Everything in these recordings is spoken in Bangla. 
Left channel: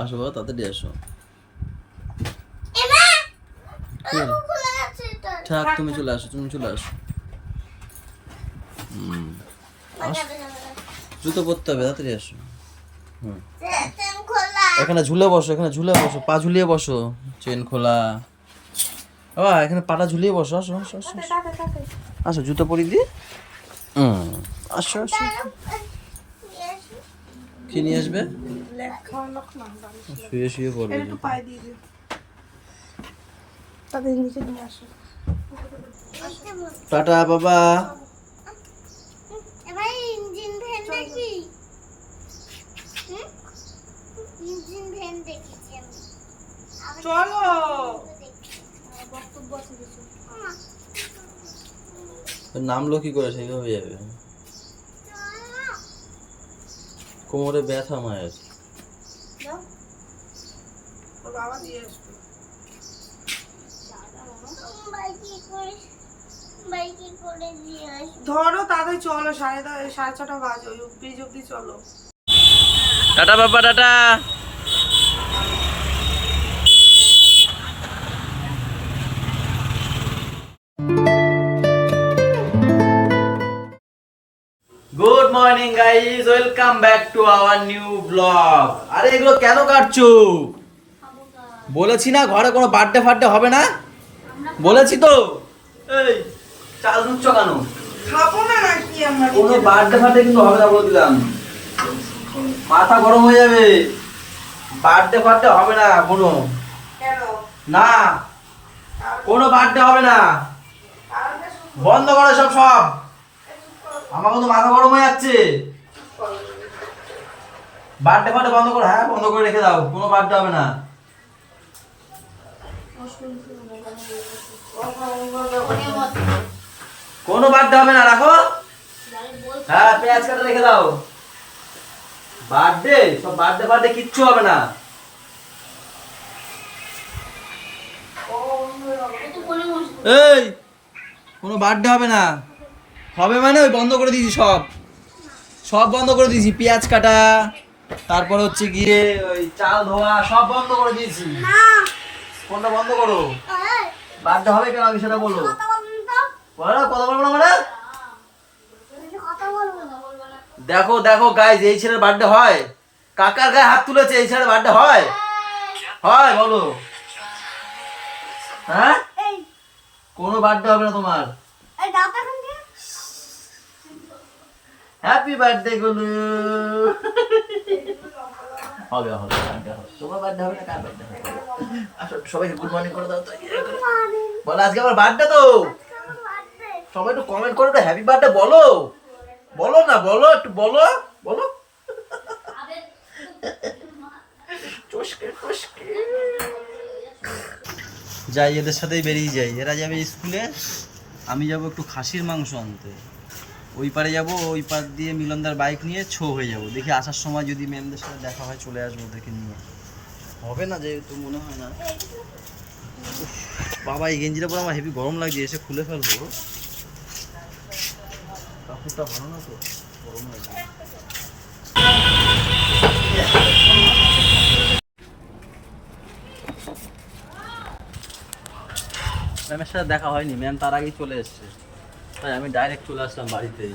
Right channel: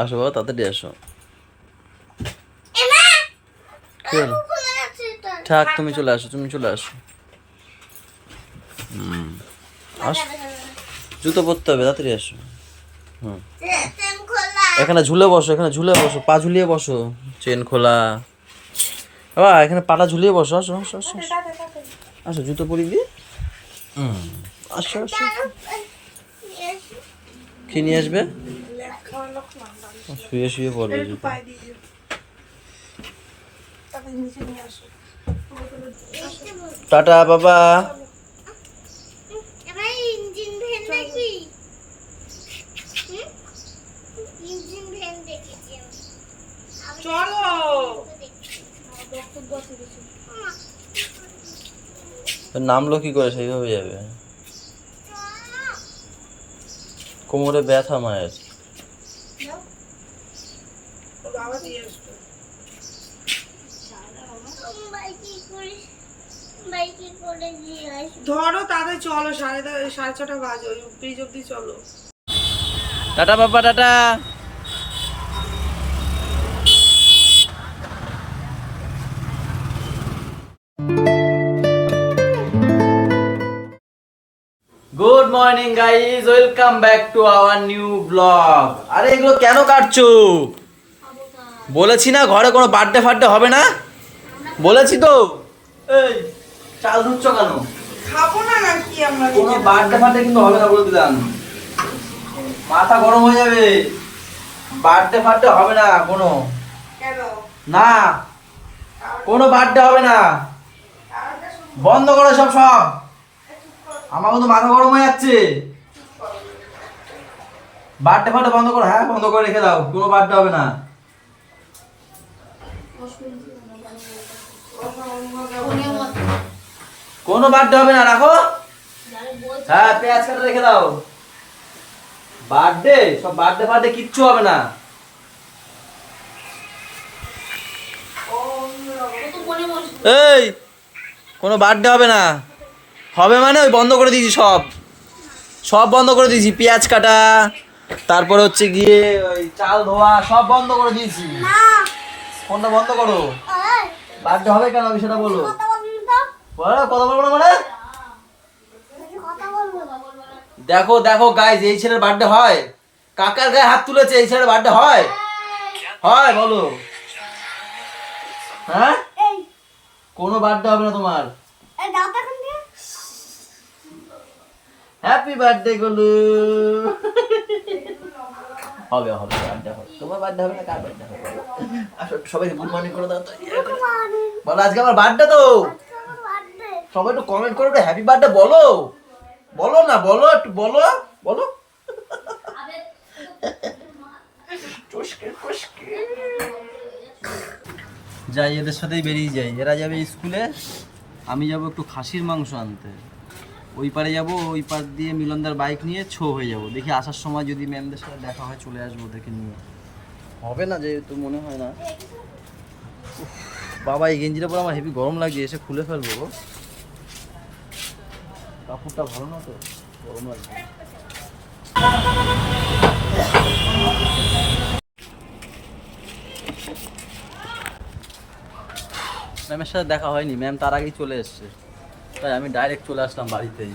আসো বাবা, তাড়াতাড়ি আসো। থাক, তুমি চলে আসো, তুমি চলে আসো। জুতো পরতে হবে, তাড়াতাড়ি আসো। হুম, এখানে ঝুলে বসো, এখানে ঝুলে বসো, পা ঝুলিয়ে বসো। চেন খোলা বাবা, এখানে পাটা ঝুলিয়ে বসো। আসো আসো আসো আসো। আসো, জুতো পরিয়ে দিই। আসো আসো। কি নিয়ে আসবে? শুয়ে শুয়ে পড়বে জুতো। টাটা বাবা। নামলো কি করে? সেইভাবে যাবে। কোমরে ব্যথা মায়ের। ধরো তাদের চলো, 6:30 বাজে, ওই ব্রিজ অব্দি চলো। টাটা বাবা, tata. Good morning guys, welcome back to our new blog. আরে এগুলো কেন কাটছো? বলেছি না ঘরে কোনো বার্থডে ফার্থডে হবে না, বলেছি তো। এই চাল ধুচ্ছ কেন? খাবো না নাকি আমরা? কোনো বার্থডে ফার্থডে কিন্তু হবে না বলে দিলাম, মাথা গরম হয়ে যাবে। বার্থডে ফার্থডে হবে না কোনো, কেন? না কোনো বার্থডে হবে না। বন্ধ করো সব সব, আমার কিন্তু মাথা গরম হয়ে যাচ্ছে। বার্থডে ফার্থডে বন্ধ করো, হ্যাঁ বন্ধ করে রেখে দাও, কোনো বার্থডে হবে না। কোনো বার্থডে হবে না, রাখো। হ্যাঁ, পেঁয়াজ কাটা রেখে দাও। বার্থডে সব বার্থডে ফার্থডে কিচ্ছু হবে না। এই কোনো বার্থডে হবে না, হবে মানে ওই বন্ধ করে দিয়েছি সব, সব বন্ধ করে দিয়েছি। পেঁয়াজ কাটা, তারপরে হচ্ছে গিয়ে ওই চাল ধোয়া, সব বন্ধ করে দিয়েছি। ফোনটা বন্ধ করো। বার্থডে হবে কেন আগে সেটা বলো। বলো, কথা বলবো না মানে? দেখো দেখো গাইজ, এই ছেলের বার্থডে হয়? কাকার গায়ে হাত তুলেছে, এই ছেলের বার্থডে হয়? হয় বলো। হ্যাঁ, কোনো বার্থডে হবে না তোমার। হ্যাপি বার্থডে গুলু। হবে হবে, বার্থডে হবে। তোমার বার্থডে হবে না, কার বার্থডে হবে বলো? আসো, সবাইকে গুড মর্নিং করে দাও তো। বলো আজকে আমার বার্থডে তো। সবাই একটু কমেন্ট করো, একটু হ্যাপি বার্থডে বলো। বলো না, বলো একটু, বলো বলো। চুষকে চুষকে যাই, এদের সাথেই বেরিয়ে যাই। এরা যাবে স্কুলে, আমি যাব একটু খাসির মাংস আনতে। ওই পারে যাব, ওই পার দিয়ে মিলনদার বাইক নিয়ে হয়ে যাব। দেখি আসার সময় যদি ম্যামদের সাথে দেখা হয় চলে আসবো ওদেরকে নিয়ে। হবে না যেহেতু, মনে হয় না। উফ, বাবা এই গেঞ্জিটা পরে আমার হেভি গরম লাগছে, এসে খুলে ফেলবো। কাপড়টা ভালো না তো, গরম লাগছে। ম্যামের সাথে দেখা হয়নি, ম্যাম তার আগেই চলে এসছে, তাই আমি ডাইরেক্ট চলে আসলাম বাড়িতেই।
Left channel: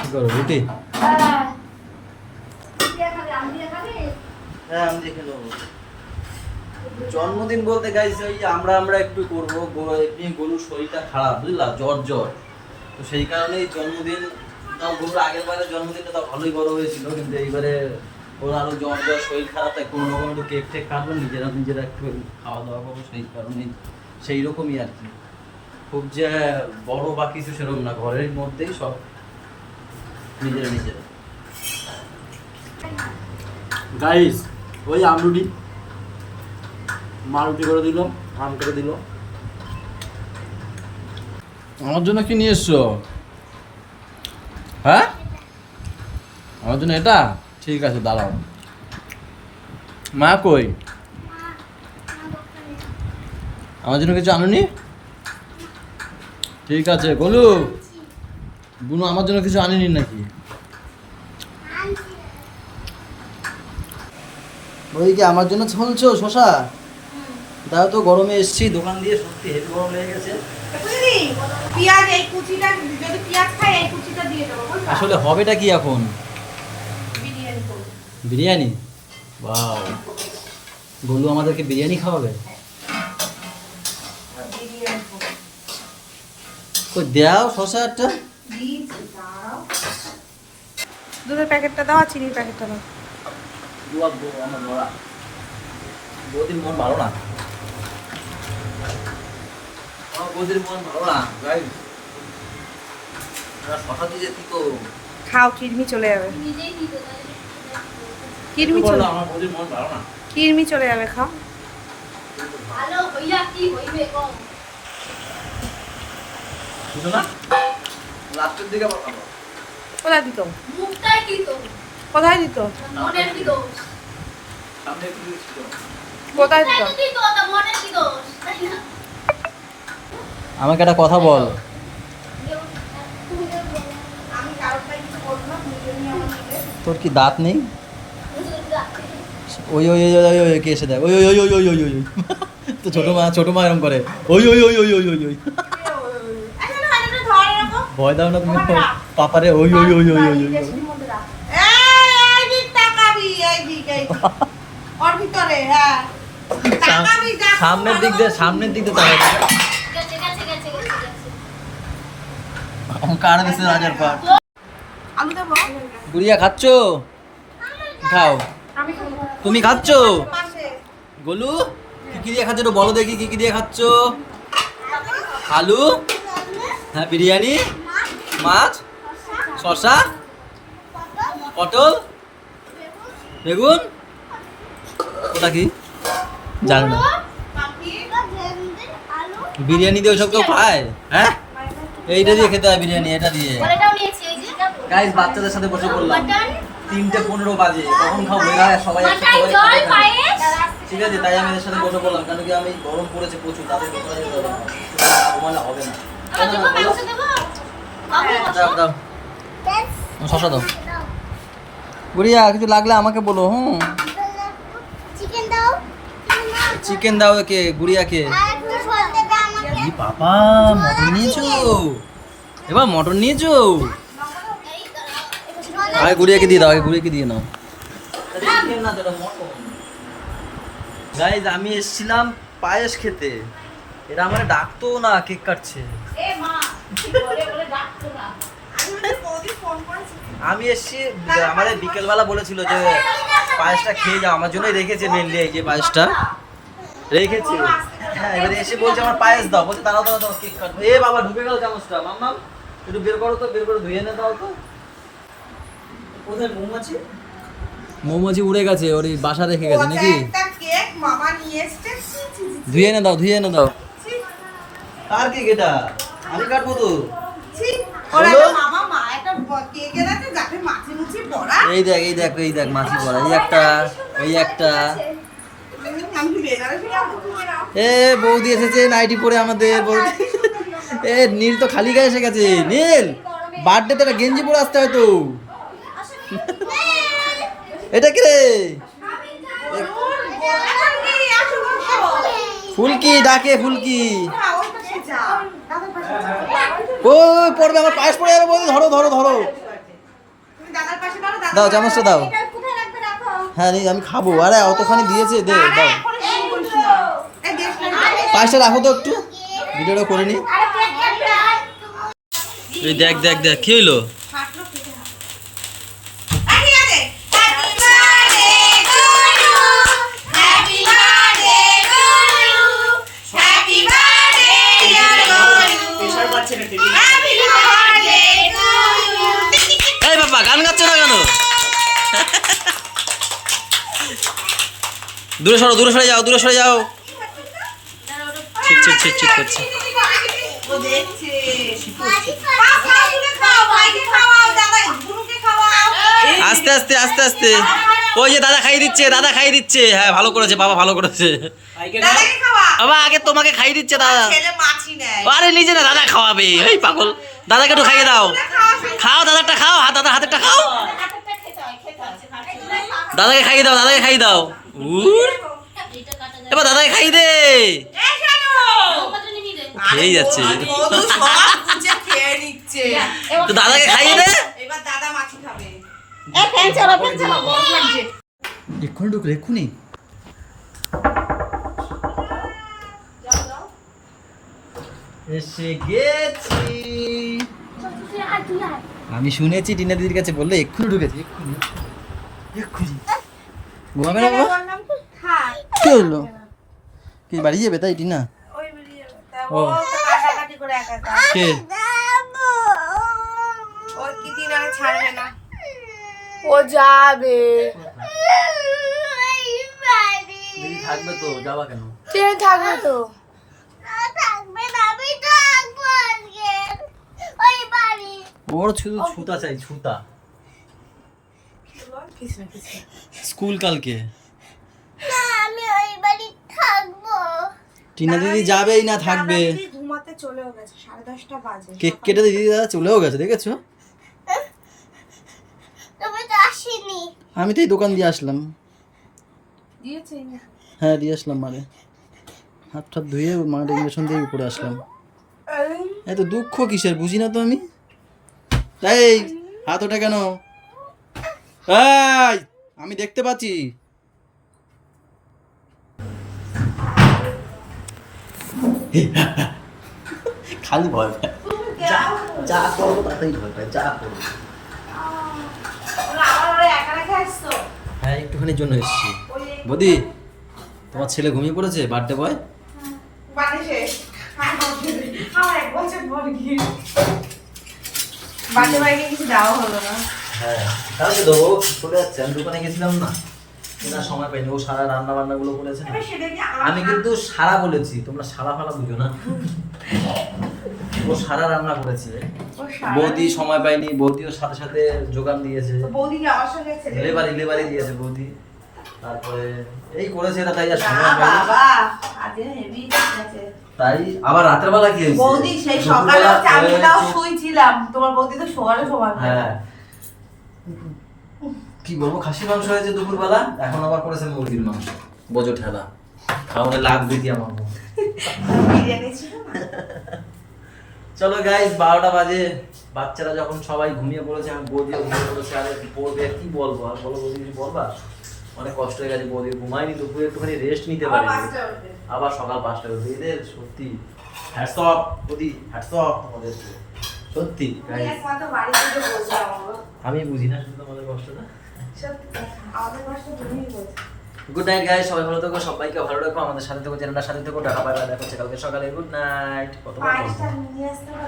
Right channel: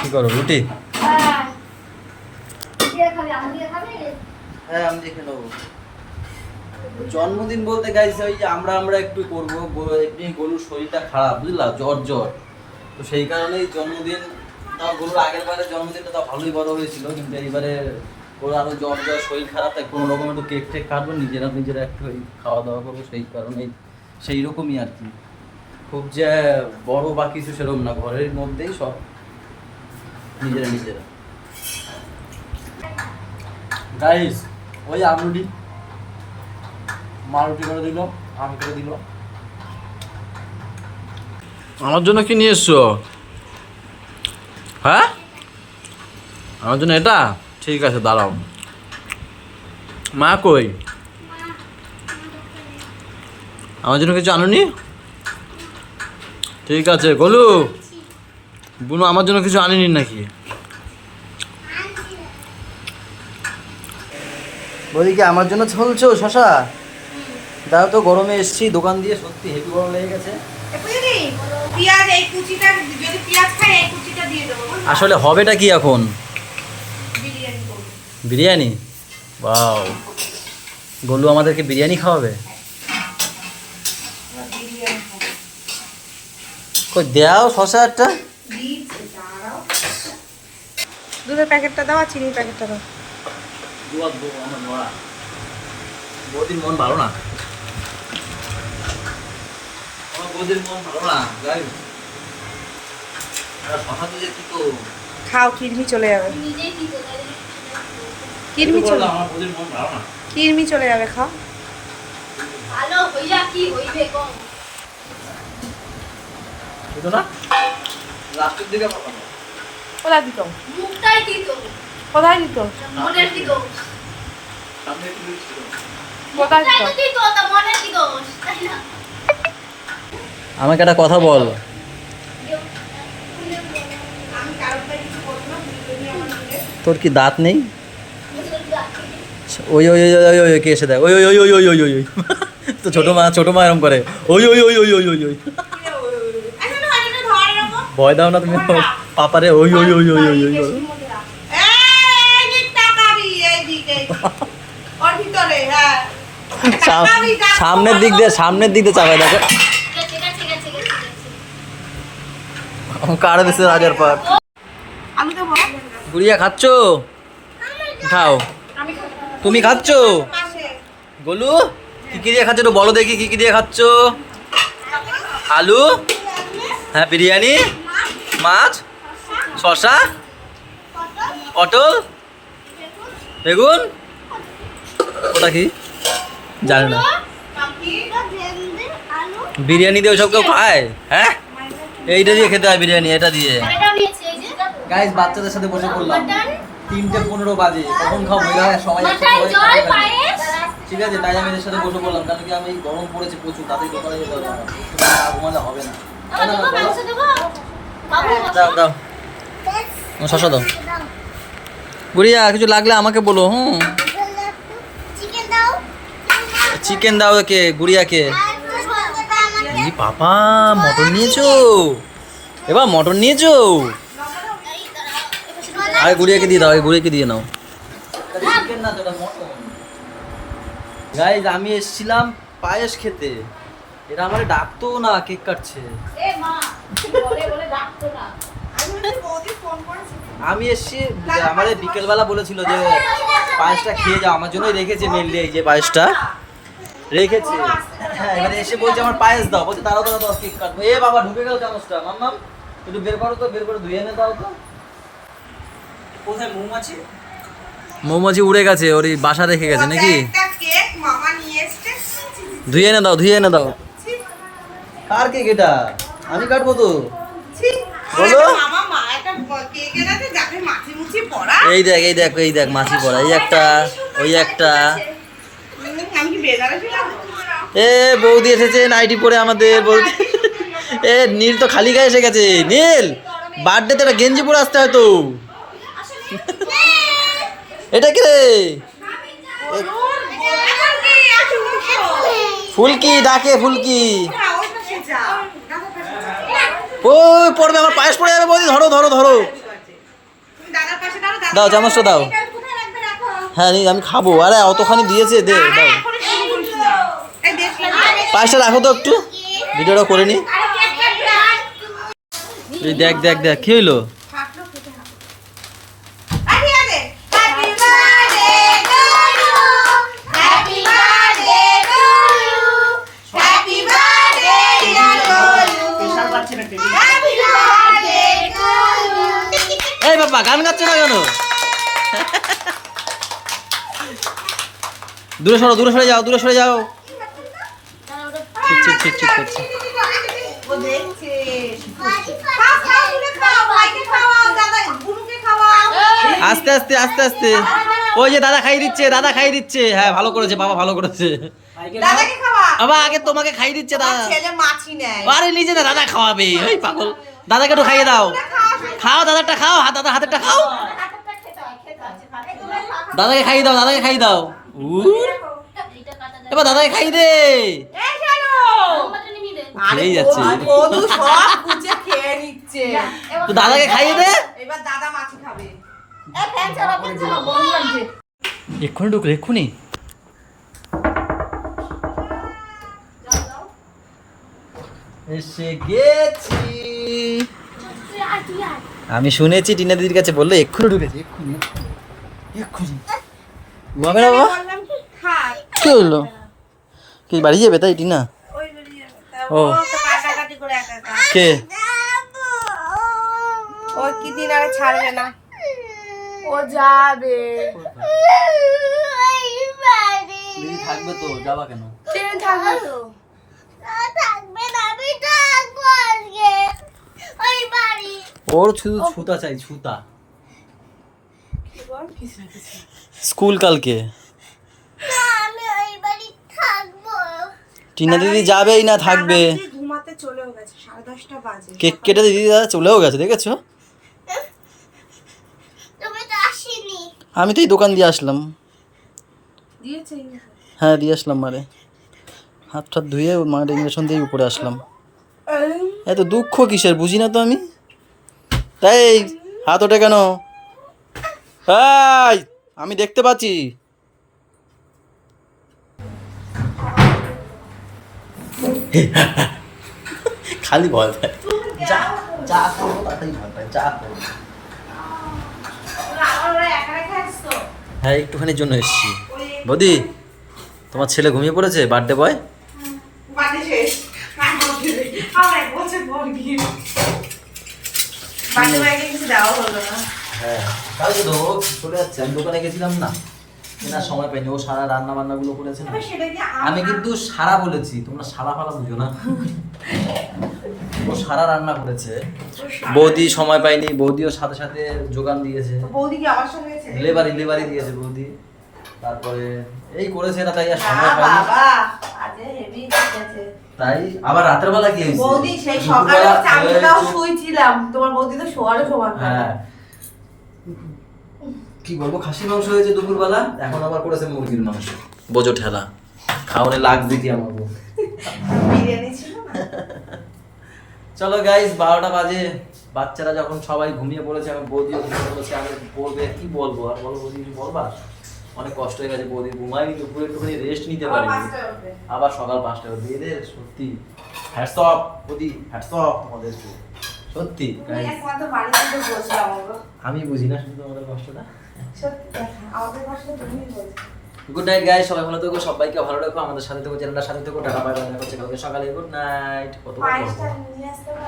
কি করো, রুটি? হ্যাঁ আমি দেখে নেবো। জন্মদিন বলতে গাইছে ওই আমরা একটু করবো। এমনি গরুর শরীরটা খারাপ, বুঝলা, জ্বর জ্বর, তো সেই কারণেই জন্মদিন। তাও গরুর আগের বারে জন্মদিনটা তাও ভালোই বড় হয়েছিল, কিন্তু এইবারে ওর আরো জ্বর জ্বর, শরীর খারাপ, তাই কোনো রকম একটু কেক টেক কাটবো, নিজেরা একটু খাওয়া দাওয়া করবো, সেই কারণেই সেই রকমই আর কি। খুব যে বড় বা কিছু সেরকম না, ঘরের মধ্যেই সব নিজেরা। গাইস ওই আমরুটি, মা রুটি করে দিল, আম করে দিল। আমার জন্য কি নিয়ে এসছো? হ্যাঁ, আমার জন্য এটা ঠিক আছে, দাঁড়াও। মা কই? আমার জন্য কিছু আনুনি? ঠিক আছে গোলু, বুনু আমার জন্য কিছু আনেনি নাকি? ওদিকে আমার জন্য চলছো শশা? দাও তো, গরমে এসছি দোকান দিয়ে, সত্যি হেভি গরম লেগে গেছে। পেঁয়াজ এই কুচিটা, যদি পেঁয়াজ খাই এই কুচিটা দিয়ে দেবো। আসলে হবেটা কি এখন? বিরিয়ানি করবো। বিরিয়ানি? ওয়াও, গোলু আমাদেরকে বিরিয়ানি খাওয়াবে? বিরিয়ানি খাবো। কই দাও শশা একটা। দিচ্ছি, দাঁড়াও। দুধের প্যাকেটটা দাও আর চিনির প্যাকেটটা দাও। আমার নড়া বৌদির মন ভালো না, আমার বৌদির মন ভালো না। যাই শশা দিয়ে কি তো খাও, কিডনি চলে যাবে। কিডনি চলে, আমার বৌদির মন ভালো না। কিডনি চলে যাবে, খাও। ভালো হইয়া কি হইবে কম বুঝো না, লাস্টের দিকে আবার খাবো। কোথায় দিত? মুখটাই দিত কোথায় দিত? মনের কি দোষ সামনে একটু মিষ্টি দাও। কোথায় দিত? মুখটাই তো দিত তা মনের কি দোষ তাই না আমাকে একটা কথা বল। তোর কি দাঁত নেই? ওই ওই ওই ওই ওই কে এসে দেয়, ওই ওই ওই ওই ওই ওই ওই ওই তো ছোট মা এরকম করে, ওই ওই ওই ওই ওই ওই ওই ভয় দাও না তুমি পাপারে, ওই ওই ওই ওই ওই ওই করো। সামনের দিক দিয়ে চাকা দেখো, গেছে গেছে গেছে গেছে কারে দিচ্ছে রাজার পাট। আমি দেবো। গুড়িয়া খাচ্ছ? খাও। তুমি খাচ্ছ? গোলু কি কি দিয়ে খাচ্ছ একটু বলো দেখি, কি কি দিয়ে খাচ্ছ? আলু, হ্যাঁ বিরিয়ানি, মাছ, শসা, পটল, বেগুন, ওটা কি জানি না। বিরিয়ানি দিয়ে ওসব কেউ খায়? হ্যাঁ, এইটা দিয়ে খেতে হয় বিরিয়ানি, এটা দিয়ে। এটাও নিয়েছে এই যে গাইস বাচ্চাদের সাথে বসে পড়লাম, 3:15 বাজে, কখন খাও বইরা সবাই একসাথে মাথায় সবাই জল খাবে কেন? পায়েস ঠিক আছে, তাই আমি এদের সাথে বসে পড়লাম, কারণ কি আমি গরম পড়েছে প্রচুর, তাদের দোকানে যেতে হবে, না ঘুমালে হবে না। দেবো মাংস দেবো বাবু দাও দাও, শশা দাও। গুড়িয়া কিছু লাগলে আমাকে বলো। হুম, চিকেন দাও কে গুড়িয়াকে। এই পাপা মটন নিয়েছো, এবার মটন নিয়েছো। আগে গুড়িয়াকে দিয়ে দাও, আগে গুড়িয়াকে দিয়ে নাও। চিকেন না তো, এটা মটন। গাইস আমি এসেছিলাম পায়েস খেতে, এরা আমারে ডাকতো না, কেক কাটছে। এ মা বলে বলে ডাকতো না আমি এসছি, আমাদের বিকেলবেলা বলেছিল যে পায়েসটা খেয়ে যাও, আমার জন্যই রেখেছে মেনলি, এই যে পায়েসটা রেখেছে। হ্যাঁ, এবারে এসে বলছে আমার পায়েস দাও, বলছে তারাও দাও কেক কাটবো। এ বাবা ঢুকে গেল চামচটা, মাম্মাম একটু বের করো তো, বের করে ধুয়ে এনে দাও তো। কোথায় মৌমাছি? মৌমাছি উড়ে গেছে, ওর বাসা রেখে গেছে নাকি? কেক মামা নিয়ে এসেছে। ধুয়ে এনে দাও, ধুয়ে এনে দাও। কার কেক এটা? আমি কাটবো তো। বলো। মামা মা একটা কেক এনেছে যাতে মাছি মুছি পড়া। এই দেখ এই দেখ এই দেখ মাছি পড়া, এই একটা, ওই একটা। আমি কি বেজারে ছিলাম? এ বৌদি এসেছে নাইটি পরে আমাদের বৌদি। এ নীল তো খালি গায়ে এসে গেছে। নীল বার্থডেতে একটা গেঞ্জি পরে আসতে হয় তো। এটা কি রে? ফুলকি ডাকে, ফুলকি। ওই পড়বে, আমার পায়েস পড়ে যাবে বৌদি, ধরো ধরো ধরো। দাও চামচটা দাও। হ্যাঁ আমি খাবো, আরে অতখানি দিয়েছে, দে দাও। পায়েসটা রাখো তো একটু, ভিডিওটা করে নি। এই দেখ দেখ দেখ কি হইলো? এই বাবা গান গাচ্ছে না কেন? দূরে সরো, দূরে সরে যাও, দূরে সরে যাও। ছিট ছিট ছিট ছিট করছে। আস্তে আস্তে আস্তে আস্তে। ওই যে দাদা খাইয়ে দিচ্ছে, দাদা খাইয়ে দিচ্ছে। হ্যাঁ ভালো করেছে বাবা, ভালো করেছে। বাবা আগে তোমাকে খাইয়ে দিচ্ছে দাদা। ছেলে মাছি নেয়। আরে নিজে না দাদা খাওয়াবে, এই পাগল। দাদাকে একটু খাইয়ে দাও, খাও দাদারটা খাও, দাদা হাতেরটা খাও, হাতেরটা খেতে হয়, খেতে হয়। দাদাকে খাইয়ে দাও, দাদাকে খাইয়ে দাও। উর এইটা কাটা যায়। এবার দাদাকে খাইয়ে দে। মোমবাতি নিয়ে দে। খেয়েই যাচ্ছে। বধূ সব কুচে খেয়ে নিচ্ছে। তো দাদাকে খাইয়ে দে। এবার দাদা মাছি খাবে। ফ্যান চালাও, ফ্যান চালাও, গরম লাগছে। এক্ষুনি ঢুকলে, এক্ষুনি। এসে গেছি। তুই আয়, তুই আয়। আমি শুনেছি টিনা দিদির কাছে, বললো এক্ষুনি ঢুকেছি, এক্ষুনি এক্ষুনি। ঘুমাবে না বাবা? বললাম কি খাই। কি হলো? কি বাড়ি যাবে তাই টিনা? ওই বেরিয়ে ও। ও তো কাটাকাটি করে একা একা। কে? ও কি দিন আর ছাড়বে না। ও যাবে। দিদি থাকবে তো, যাবা কেন? কে যাবে তো? ওর শুধু ছুতা চাই, ছুতা। স্কুল কালকে। টিনা দিদি যাবেই না, থাকবে। ঘুমাতে চলেও গেছে, 10:30 বাজে। কেক কেটে দিদি দাদা চলেও গেছে, দেখেছো? আমি তো এই দোকান দিয়ে আসলাম। দিয়েছে না? হ্যাঁ দিয়ে আসলাম মারে, হাত টাত ধুয়ে মায়ের ইঞ্জেকশন দিয়ে উপরে আসলাম। এত দুঃখ কিসের বুঝি না তো আমি। তাই হাত ওঠে কেন? এই আমি দেখতে পাচ্ছি। খালি ভয় পায়, যা যা করো তাতেই ভয় পায়, যা করো। আবার ওরা একা রেখে আসতো। হ্যাঁ একটুখানির জন্য এসেছি। বৌদি তোমার ছেলে ঘুমিয়ে পড়েছে, বার্থডে বয়। বাড়ি শেষ। আমার 1 বছর পর গিয়ে বাড়ি বাইরে কিছু দেওয়া হলো না। হ্যাঁ কালকে দেবো, চলে যাচ্ছে। আমি দোকানে গেছিলাম না, কেনার সময় পাইনি। ও সারা রান্না বান্না গুলো করেছে না। তবে সেটা কি আমি কিন্তু সারা বলেছি, তোমরা সারা ফালা বুঝো না। ও সারা রান্না করেছে, বৌদি সময় পাইনি, বৌদিও সাথে সাথে যোগান দিয়েছে। বৌদি কি আমার সঙ্গে ছেলে? লেবারি দিয়েছে বৌদি। তারপরে এই করেছে এরা, তাই আর সময় পাইনি। বাবা আজ হেভি আছে। তাই আবার রাতের বেলা কি হয়েছে? বৌদি সেই সকালে দুপুরবেলা, চামিটাও চুপ। শুইছিলাম। তোমার বৌদি তো শোয়ারও সময় পায় না। হ্যাঁ কি বলবো, খাসির মাংস হয়েছে দুপুরবেলা, এখন আবার করেছে মুরগির মাংস। বোঝো ঠেলা, খাওয়ারে লাগবে কি আমাকে। বিরিয়ানি ছিল না? চলো গাইস 12টা বাজে, বাচ্চারা যখন সবাই ঘুমিয়ে পড়েছে, আমি বৌদিও ঘুমিয়ে পড়েছে। আগে পড়বে, কি বলবো আর, বলো বৌদি কিছু বলবা? অনেক কষ্ট হয়ে গেছে, বৌদি ঘুমায়নি দুপুরে, একটুখানি রেস্ট নিতে পারিনি। আবার সকাল 5টায় উঠবে। এদের সত্যি হ্যাটস অফ বৌদি, হ্যাটস অফ তোমাদের, সত্যি গাইস। একমাত্র বাড়ি থেকে বসলাম বাবা। আমি বুঝি না শুধু আমাদের কষ্টটা। সত্যি কথা, আমাদের কষ্ট তুমিই বোঝো। গুড নাইট গাইস, সবাই ভালো থেকো, সবাইকে ভালো রাখো, আমাদের সাথে থেকো, চ্যানেলটার সাথে থেকো। টাকা পাই, দেখা হচ্ছে কালকে সকালে। Good night. কত বলবো? পায়েসটা নিয়ে আসতে পারো?